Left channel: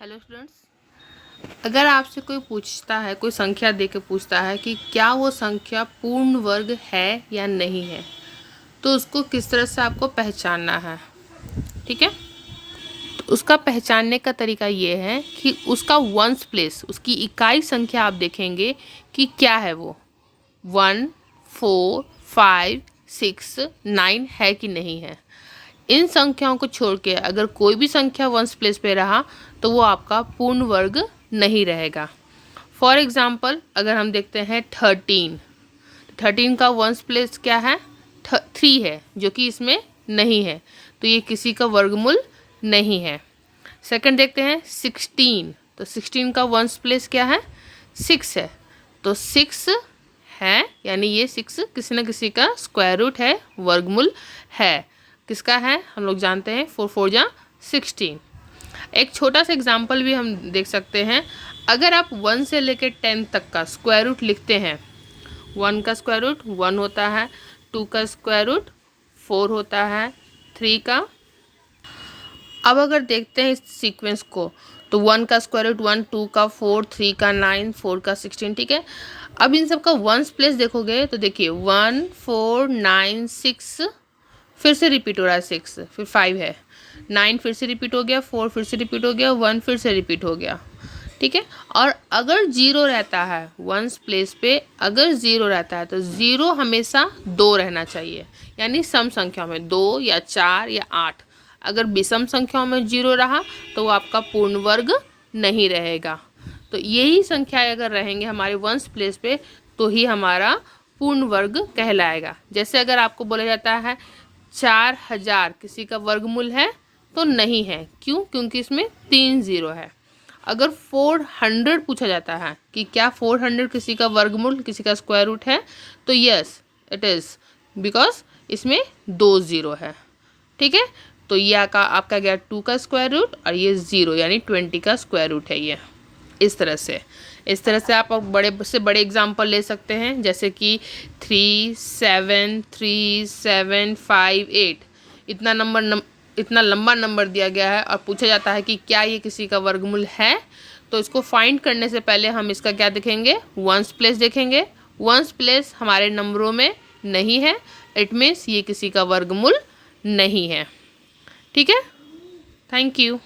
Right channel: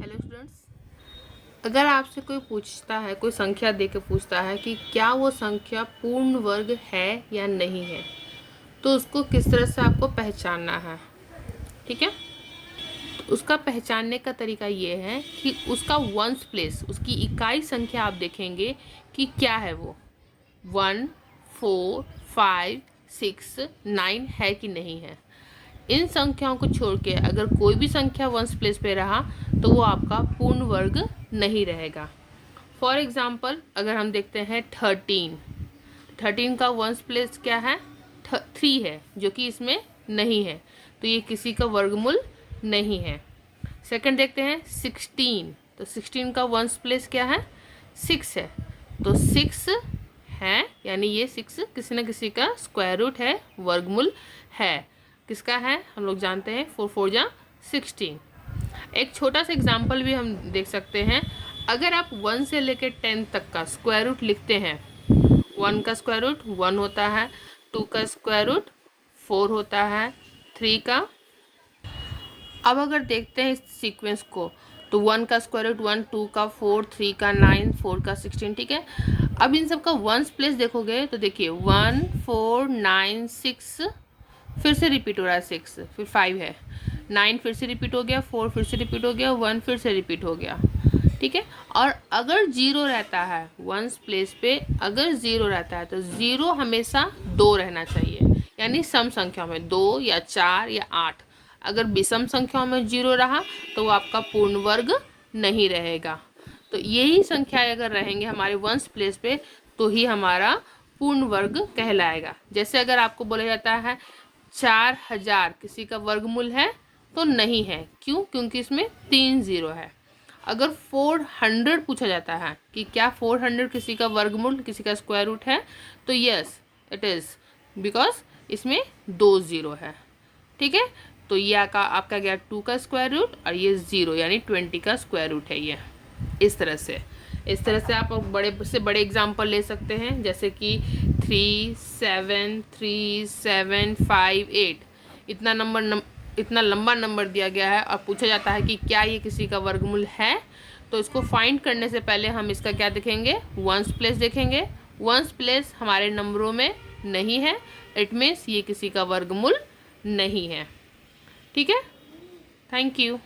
Hello students, अगर आपसे कोई पूछता है, कोई संख्या दे के पूछता है कि क्या वो संख्या पूर्ण वर्ग है या नहीं है, तो उसको किस तरह से आपको पहचानना है। ठीक है, तो उसका पहचानने का तरीका ये है कि उसका वंस प्लेस, उसकी इकाई संख्या आप देखेंगे कि क्या है वो 1, 4, 5, 6, 9 है कि नहीं है। इन संख्याओं को छोड़ के अगर कोई भी संख्या वंस प्लेस पे रहा तो वो आपका पूर्ण वर्ग नहीं रहेगा। फॉर एग्जाम्पल अगर हम देखते हैं 13 का वंस प्लेस क्या है, 3 है, जो कि इसमें नहीं है, तो ये किसी का वर्गमूल नहीं है। सेकंड देखते हैं 16, तो 16 का वंस प्लेस क्या है, 6 है, तो 6 है, यानी ये 6 किसी न किसी का स्क्वायर रूट है, वर्गमूल है। किसका है हम लोग जानते हैं, 4 4 जा 16। एक छोटा सा एग्जाम्पल भी हम देख सकते हैं। अगर आप 1 से लेकर 10 तक का स्क्वायर रूट लिखते हैं, 1 का स्क्वायर रूट 1 होता है, 2 का स्क्वायर रूट 4 होता है, 3 का। अब अगर देखते हैं इस सीक्वेंस को, तो 1 का स्क्वायर रूट 1, 2 का 4, 3 का 9, 4 का 16। ठीक है, अब इन सब का वंस प्लेस देखोगे तो देखिए 1 4 9 6, फिर से रिपीट हो रहा है 6, फिर 5 है, 9 फिर से रिपीट हो गया, 4 फिर से रिपीट हो गया, 1 फिर से रिपीट हो गया। ठीक है, और अगर 0 रहता है वंस प्लेस पे, अगर 0 रहता है तो 0 हमेशा 2 रहना चाहिए, यानी सम संख्या में 2 या 4 या 8। अगर विषम संख्याओं में 0 रहा तो वो आपका पूर्ण वर्ग नहीं रहेगा। तो यही संख्याएं अगर रहेंगे हमारे वंस प्लेस पे तो ही हमारा पूर्ण वर्ग कहलाएगा। जैसे अगर आपको बोला जाता है 4000 किसी का वर्गमूल है, तो नहीं है। क्यों? क्योंकि इसमें 3 0 है। अगर 400 पूछा जाता है कि क्या 400 किसी का वर्गमूल, किसी का स्क्वायर रूट है, तो यस इट इज़, बिकॉज इसमें 2 0 है। ठीक है, तो ये आपका गया 2 का स्क्वायर रूट, और ये 0 यानी 20 का स्क्वायर रूट है ये। इस तरह से आप बड़े से बड़े एग्जाम्पल ले सकते हैं, जैसे कि 3 7 3 7 5 8। इतना लंबा नंबर दिया गया है और पूछा जाता है कि क्या ये किसी का वर्गमूल है, तो इसको फाइंड करने से पहले हम इसका क्या देखेंगे, वंस प्लेस देखेंगे। वंस प्लेस हमारे नंबरों में नहीं है, इट मीन्स ये किसी का वर्गमूल नहीं है। ठीक है, थैंक यू।